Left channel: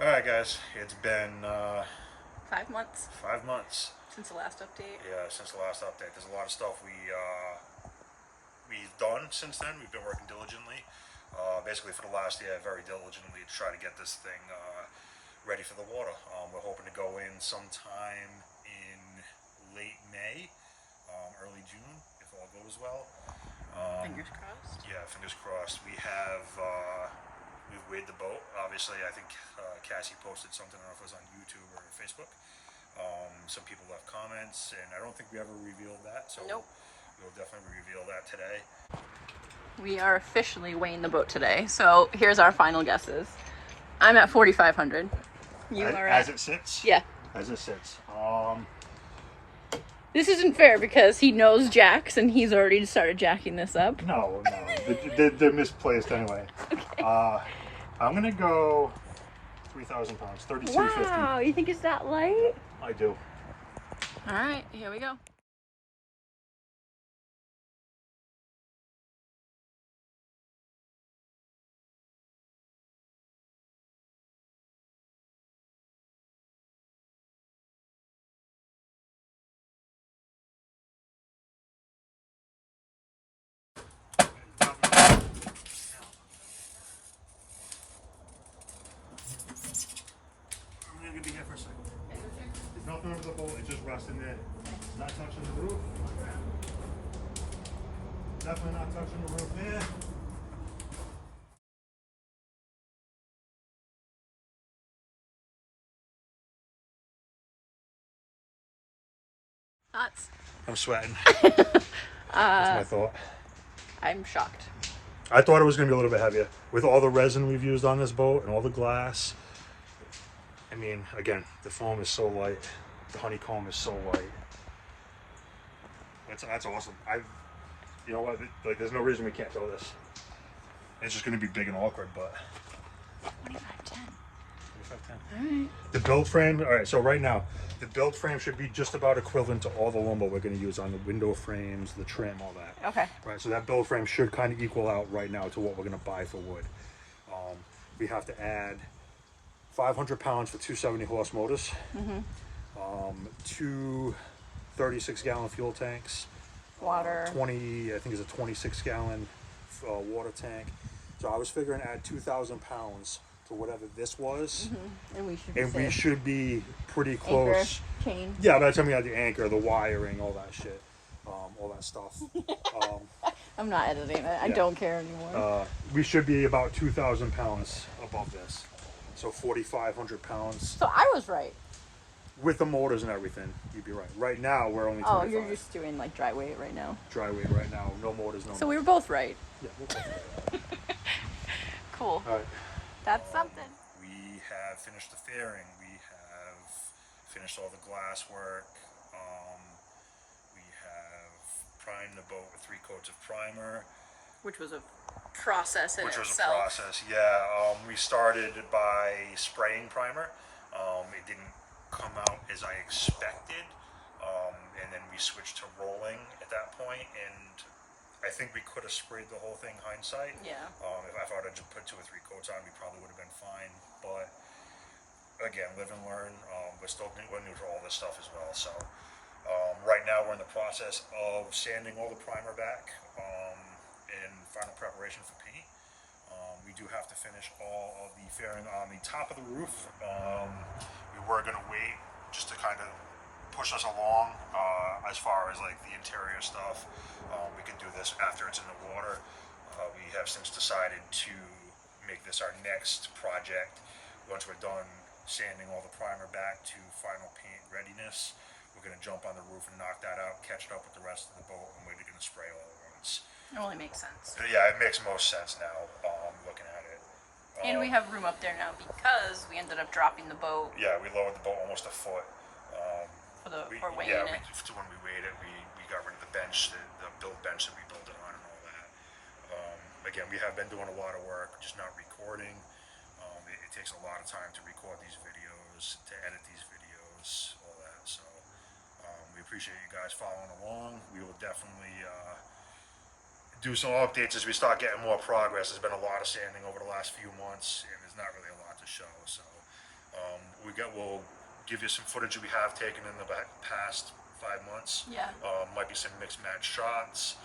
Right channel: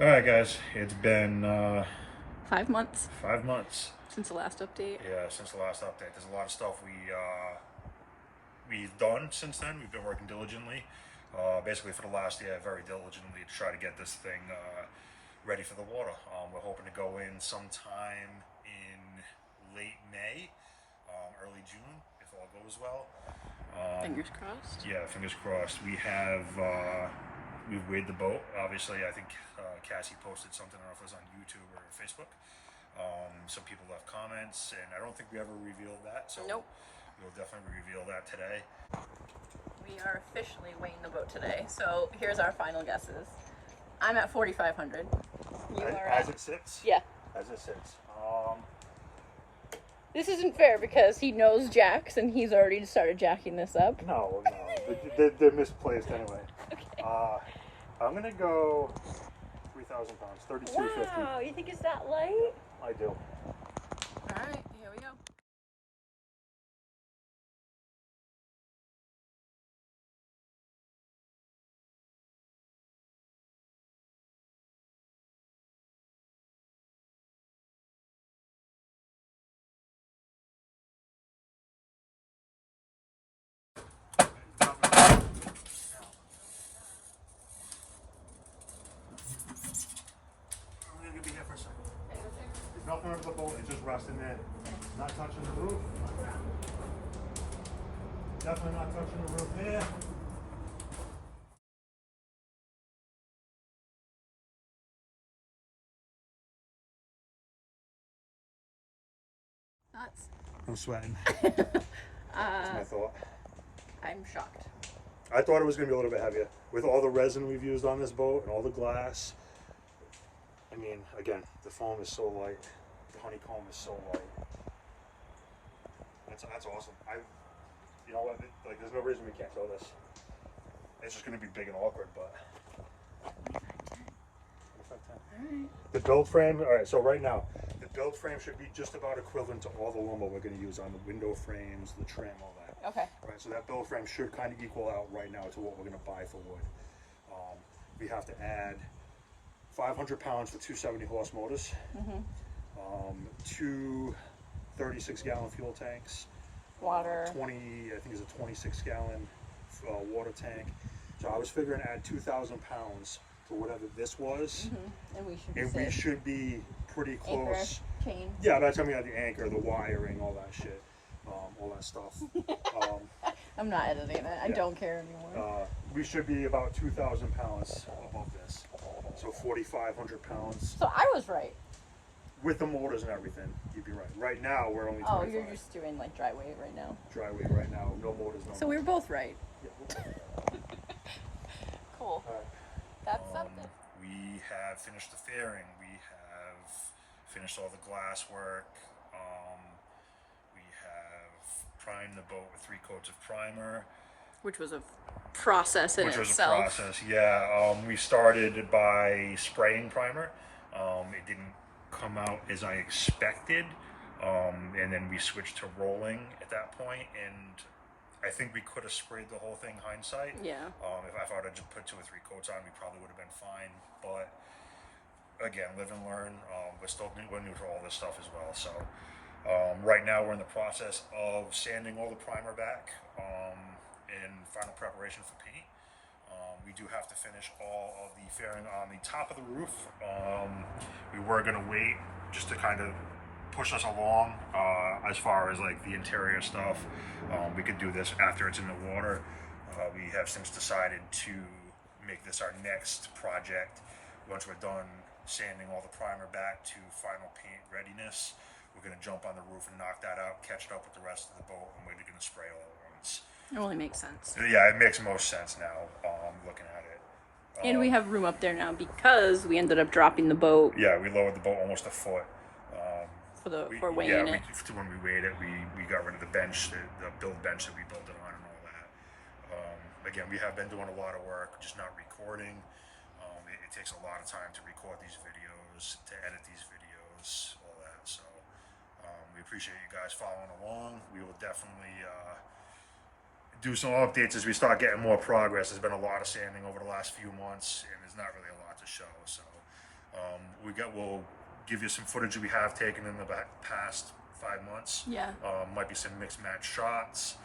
All right, guys. It's been 5 months 5 months. since the last update. Yeah, since the last update. There's a lot of stuff we've done since then. We've been working diligently, basically for the last year, very diligently to try to get this thing ready for the water. We're hoping to go in sometime in late May, early June, if all goes well. Fingers crossed. Yeah, fingers crossed. We've weighed the boat. Obviously, I think Cassie posted something. I don't know if it was on YouTube or Facebook. Some people left comments, and I don't think we ever revealed that. So Nope. we'll definitely reveal that today. We are officially weighing the boat today. So here's our final guesses. I'm at 4,500. You are As at... it sits. Yeah. As it sits. This isn't fair because he knows jacks and he's already started jacking this up. No. They're misplaced anyway. Okay. I'm gonna go 3,000 pounds, 3250. Wow, you think it's that light? I do. All right, here we go. I'm gonna be here for a second. There's nothing under the boat, it's just resting there. It's not touching the roof. Definitely not touching the roof there. Thoughts? I'm sweating. That's my thought. I'm shocked. I thought it was going to be a little bit heavier. With all the resin we've used on this boat and all the glass. I mean, again, the foam is so light. The honeycomb is so light. That's awesome. You know what? Like, there's no reason we can't do this. It's just going to be big and awkward, but 2510. 2510. All right. The build frame, all right, so right now, the build frame should be just about equivalent to all the lumber we're going to use on the window frames, the trim, all that. Okay. Right, so that build frame should kind of equal out right now to what we're going to buy for wood. We have to add 500 pounds for 270 horse motors, two 36-gallon fuel tanks, Water. 20, I think it's a 26-gallon water tank. So I was figuring add 2,000 pounds to whatever this was, And we should be pretty close. Anchor, chain. Yeah, by the time we had the anchor, the wiring, all that shit, all that stuff. I'm not editing it. I Yeah. don't care anymore. We should be about 2,000 pounds above this. So 4,500 pounds So I was right. with the motors and everything. You'd be right. Right now, we're only 25. Oh, you're just doing like dry weight right now. Dry weight right now. No motors, no. So we were both right. Yeah, we'll go. Cool. All right. That's something. We have finished the fairing. We have finished all the glass work. We have primed the boat with 3 coats of primer. Which was a process in Which was itself. a process, yeah. We started by spraying primer. It didn't come out as I expected, and then we switched to rolling at that point, and I think we could have sprayed the whole thing, hindsight. Yeah. If I thought I'd just put 2 or 3 coats on, we probably would have been fine, but again, live and learn. We're new to all this stuff as well, so right now we're in the process of sanding all the primer back in final preparation for paint. We do have to finish all of the fairing on the top of the roof. We were going to wait just to kind of push us along as far as like the interior stuff. We could do this after it's in the water. We have since decided to make this our next project. Once we're done sanding all the primer back to final paint readiness, we're going to jump on the roof and knock that out, catch it up with the rest of the boat, and we're going to spray all at once. It only makes sense. Yeah, it makes most sense now, looking at it. And we have room up there now because we ended up dropping the boat Yeah, we lowered the boat almost a foot. for weighing it. When we weighed it, we got rid of the bench, the build bench that we built it on and all that. Again, we have been doing a lot of work, just not recording. It takes a lot of time to record these videos, to edit these videos, all that. So we appreciate you guys following along. We will definitely do some updates as we start getting more progress. There's been a lot of sanding over the last few months, and there's not really a lot to show. So We'll give you some footage that we have taken in the past 5 months. Yeah. Might be some mixed match shots.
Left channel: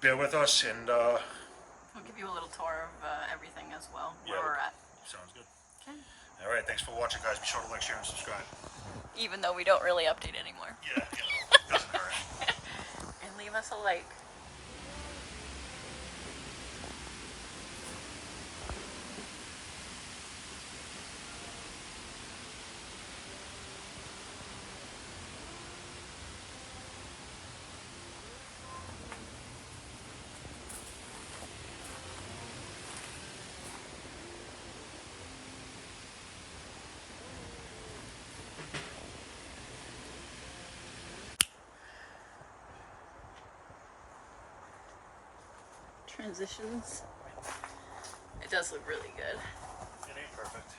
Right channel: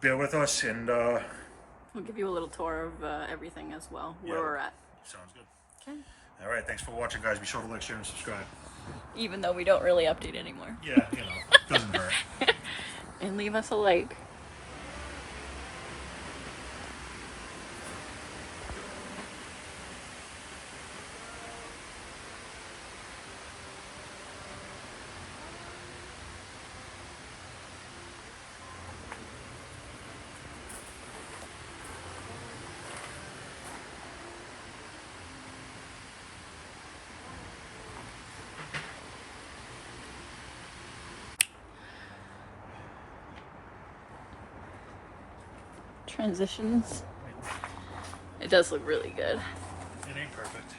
Bear with us, and We'll give you a little tour of everything as well, where Yeah. we're at. sounds good. Okay. All right, thanks for watching, guys. Be sure to like, share, and subscribe. Even though we don't really update anymore. Yeah, doesn't hurt. And leave us a like. Transitions. It does look really good. It ain't perfect.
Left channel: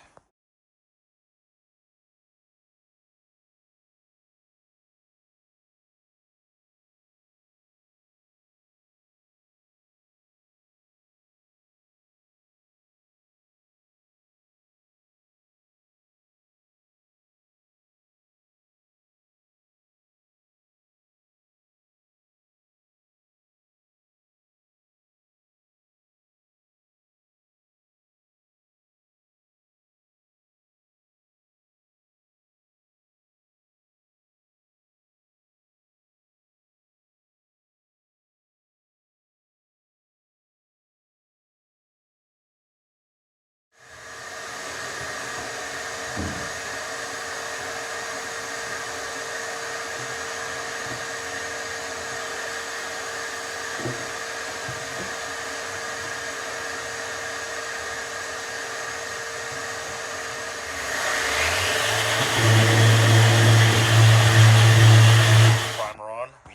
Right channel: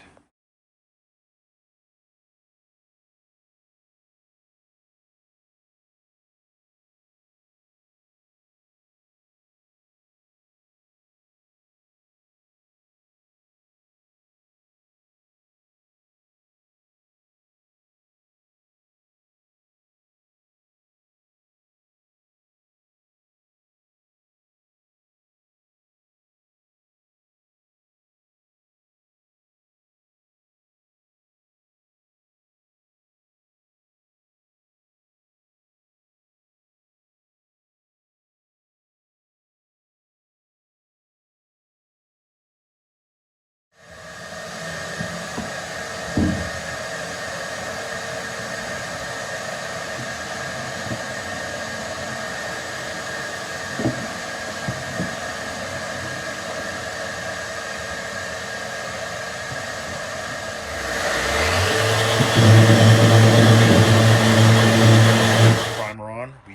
Primer on. We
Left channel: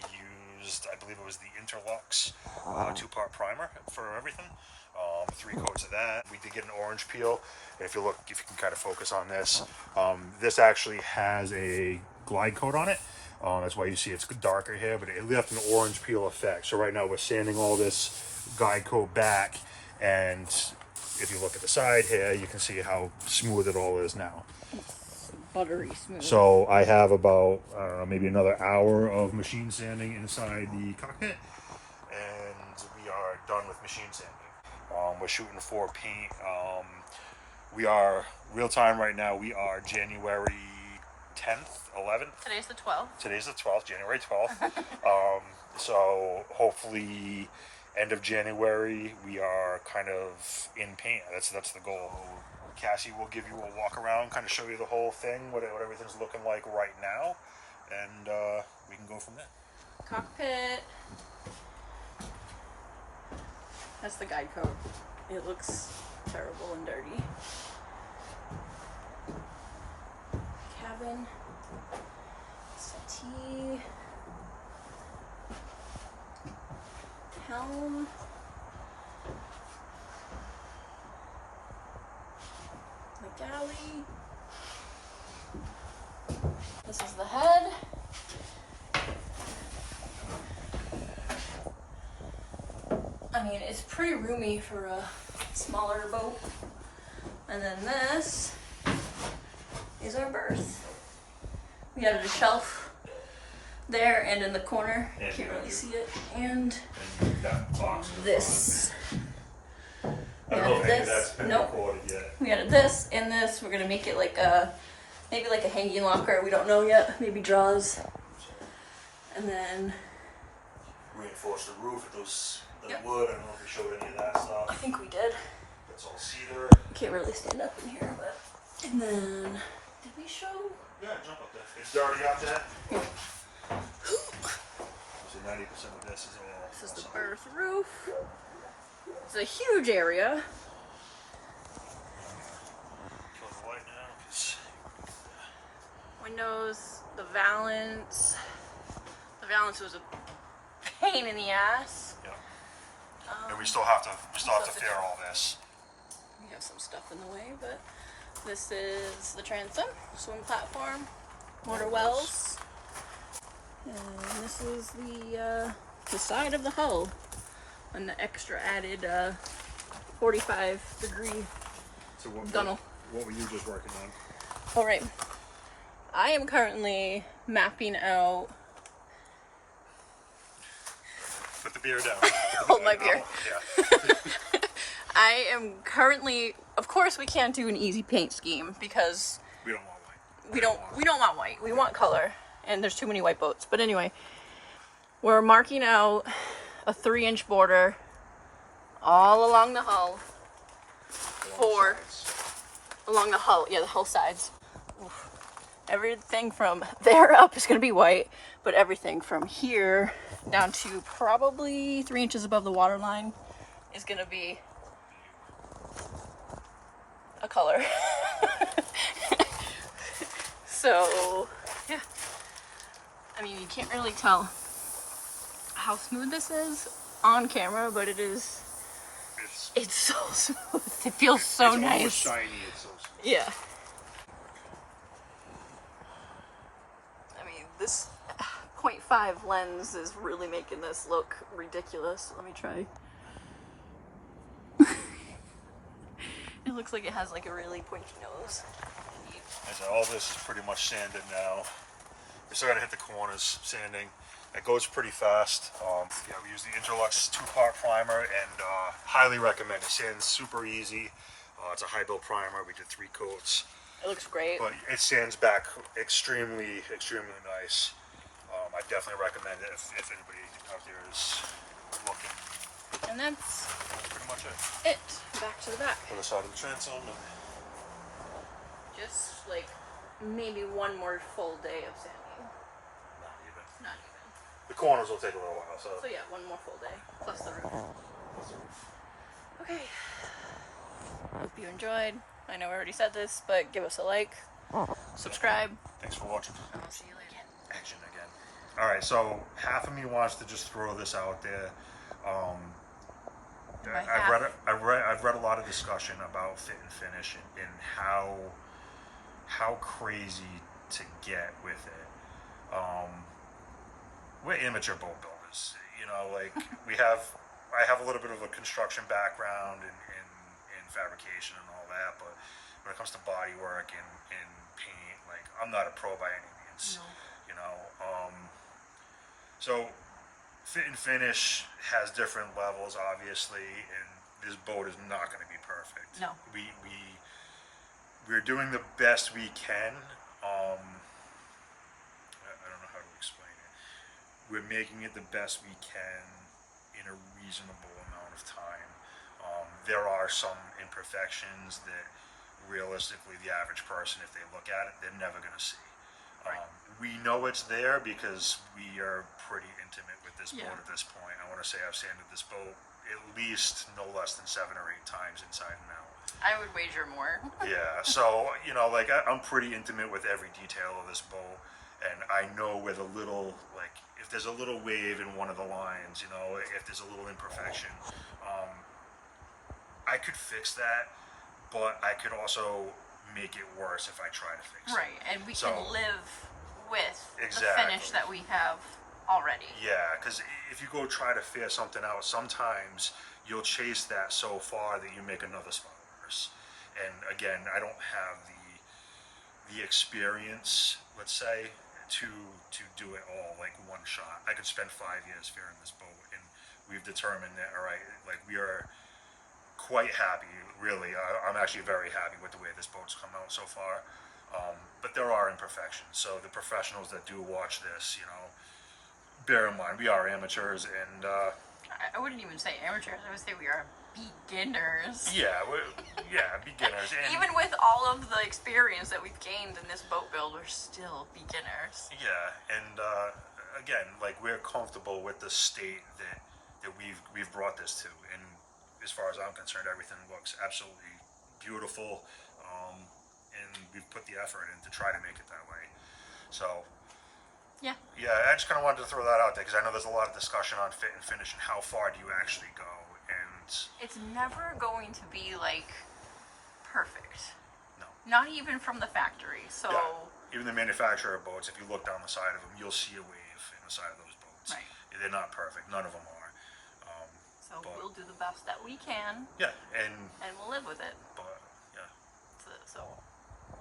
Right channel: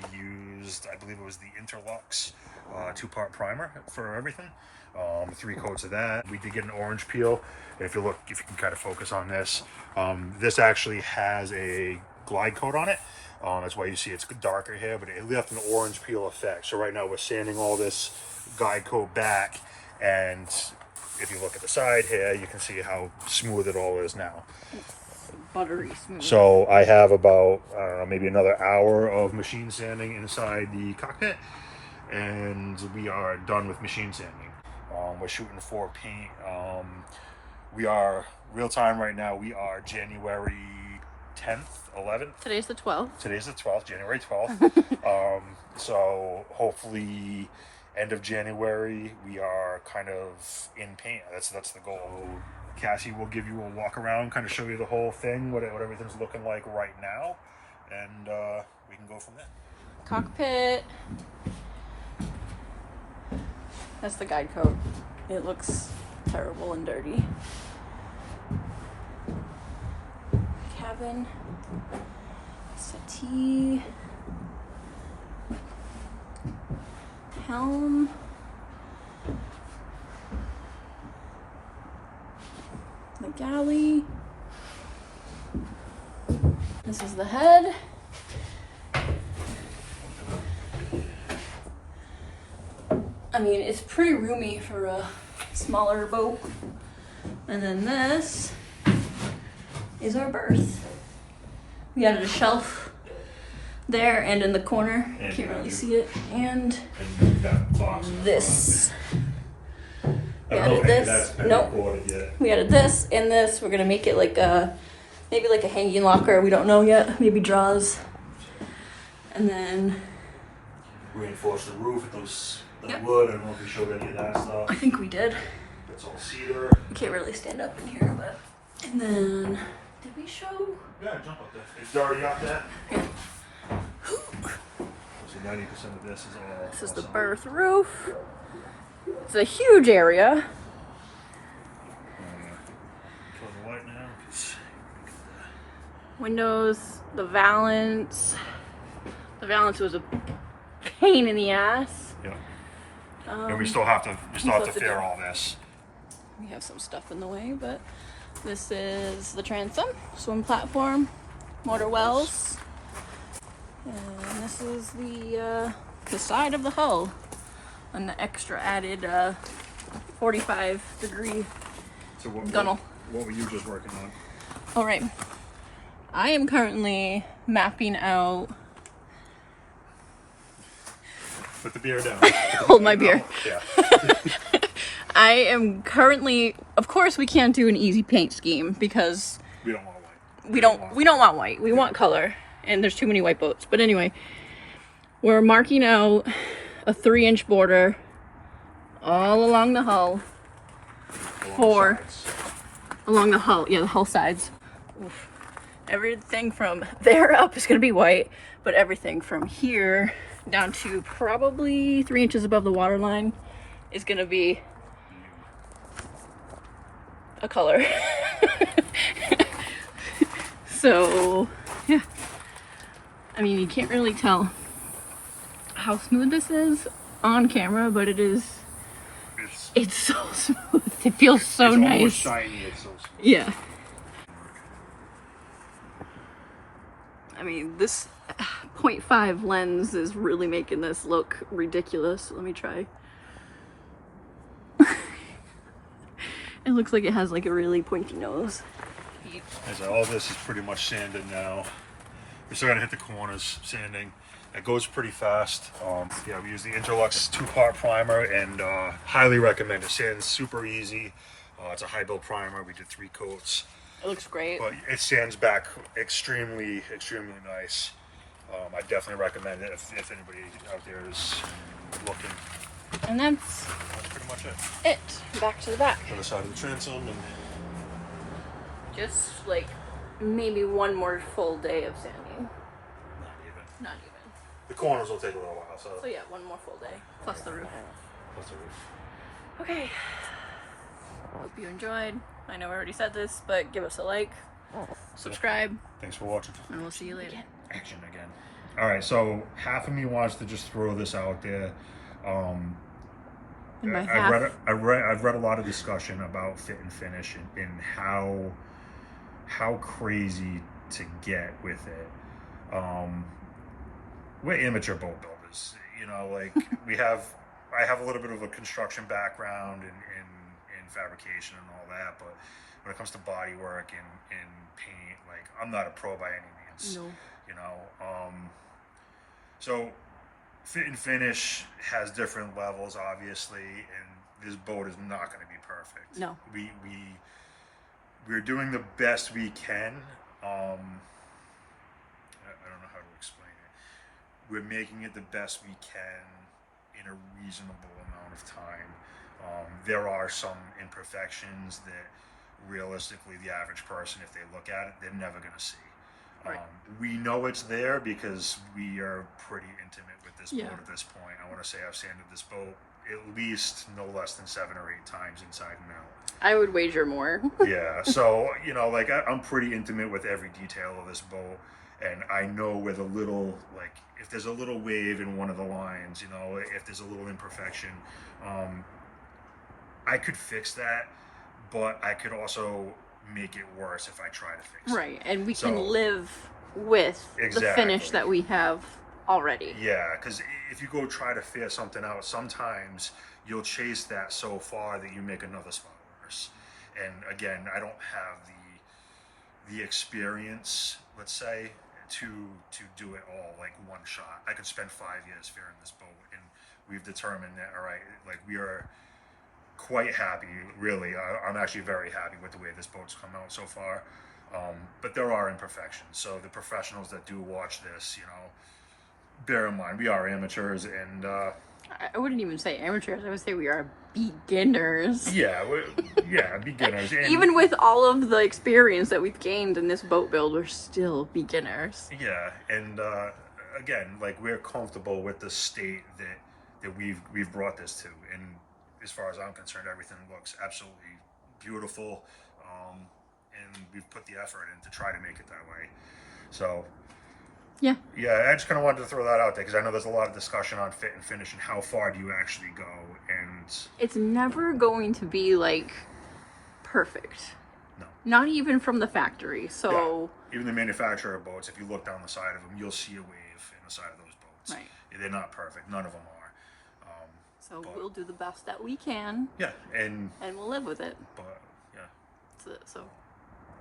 used, I believe it was the Interlux 2-part primer for everything. 3 coats of that. We did get an orange peel. And if you can kind of focus on this, this actually has a glide coat on it. That's why you see it's darker here, but it left an orange peel effect. So right now we're sanding all this glide coat back, and if you look at the side here, you can see how smooth it all is now. Buttery smooth. So I have about, I don't know, maybe another hour of machine sanding inside the cockpit, and we are done with machine sanding. We're shooting for paint. We are real time right now. We are January 10th, 11th. Today's the 12th. Today's the 12th, January 12th. So hopefully end of January, we are kind of in paint. That's the goal. Cassie will give you a walk around, kind of show you the whole thing, what everything's looking like right now, and we can go from there. Cockpit. That's the guide coat. It looks terrible and dirty. Cabin. Settee. Helm. The galley. This is the head. I mean, it's pretty roomy for a smaller boat. And then this is our berth. We added a shelf there and in the corner. You can't really see it. And this. I don't know if this. that's been Nope. recorded yet. We added this and this. We're gonna make it like a, maybe like a hanging locker. We don't know yet. Maybe drawers. And then Reinforce the roof with those Yep. wood. I don't know if you showed any of that stuff. I think we did. It's all cedar. You can't really stand up in here, but. And then, did we show? Yeah, jump up there. It's already up there. So 90% of this is all. This is the all berth roof. It's a huge area. Kill the light now. Windows, the valance. The valance was a pain in the ass. Yeah. And we still have to have to fair do- all this. We have some stuff in the way, but this is the transom, swim platform, motor wells. And this is the side of the hull. And the extra added 45-degree So what gunnel. were you just working on? All right. I am currently mapping out. Put the beer down. Hold my beer. Yeah. I am currently, of course, we can't do an easy paint scheme because We don't want white. we don't want white. We want color, and there's too many white boats. But anyway, we're marking out a 3-inch border all along the hull. Along the hull, yeah, the hull sides. Oof. Everything from there up is gonna be white, but everything from here down to probably 3 inches above the water line is gonna be a color. So, yeah. I mean, you can't really tell how smooth this is on camera, but it's so smooth. It feels so It's nice. almost shiny, it's so smooth. Yeah. I mean, this 0.5 lens is really making this look ridiculous. Let me try. It looks like it has like a really pointy nose. So all this is pretty much sanded now. We're still gonna hit the corners, sanding. It goes pretty fast. Yeah, we use the Interlux 2-part primer and highly recommend it. Sands super easy. It's a high build primer. We did 3 coats, It looks great. but it sands back extremely nice. I definitely recommend it if anybody out there is looking. And that's That's pretty much it. it. Back to the back. Other side of the transom and Just like maybe one more full day of sanding. not even. Not even. The corners will take a little while, so. So yeah, one more full day. Plus the roof. That's the roof. Okay. Hope you enjoyed. I know I already said this, but give us a like, subscribe, Thanks for watching. and we'll see you later. Action again. All right, so half of me wants to just throw this out there. And by I've read a lot of discussion about fit and finish and how crazy to get with it. We're amateur boat builders, you know. Like I have a little bit of a construction background in fabrication and all that, but when it comes to body work and paint, like I'm not a pro by any means. No. You know. So fit and finish has different levels, obviously, and this boat is not going to be perfect. No. We're doing the best we can. I don't know how to explain it. We're making it the best we can in a reasonable amount of time. There are some imperfections that realistically the average person, if they look at it, they're never going to see. Right. We know it's there because we are pretty intimate with this Yeah. boat at this point. I want to say I've sanded this boat at least no less than 7 or 8 times inside and out. I would wager more. Yeah, so you know, like I'm pretty intimate with every detail of this boat, and I know where the little, like, if there's a little wave in one of the lines, you know, if there's a little imperfection, I could fix that, but I could also make it worse if I try to fix it. Right, and we So- can live with the finish Exactly. that we have already. Yeah, because if you go try to figure something out, sometimes you'll chase that so far that you make another spot worse. And again, I don't have the experience, let's say, to do it all like one shot. I could spend 5 years figuring this boat, and we've determined that, all right, like we are quite happy, really. I'm actually very happy with the way this boat's come out so far. But there are imperfections. So the professionals that do watch this, you know, bear in mind, we are amateurs, and I wouldn't even say amateurs. I would say we are beginners. yeah, beginners. And, Even with all of the experience that we've gained in this boat build, we're still beginners. yeah, and again, like we're comfortable with the state that we've brought this to, and as far as I'm concerned, everything looks absolutely beautiful, and we've put the effort in to try to make it that way. So. Yeah. Yeah, I just kind of wanted to throw that out there because I know there's a lot of discussion on fit and finish and how far do you actually go, and It's never going to be like perfect. no. Not even from the factory. So, Yeah. Even the manufacturer of boats, if you look down the side of them, you'll see a wave in the side of those boats. Right. They're not perfect. None of them are. so we'll do the best that we can, Yeah, and and we'll live with it. but yeah. So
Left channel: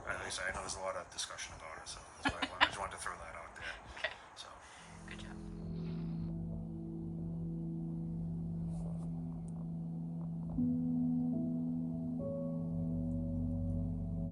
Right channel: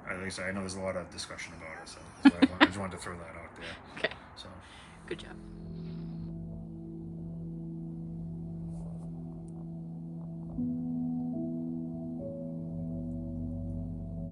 At least I know there's a lot of discussion about it, so that's why I just wanted to throw that out there. Okay. So. Good job.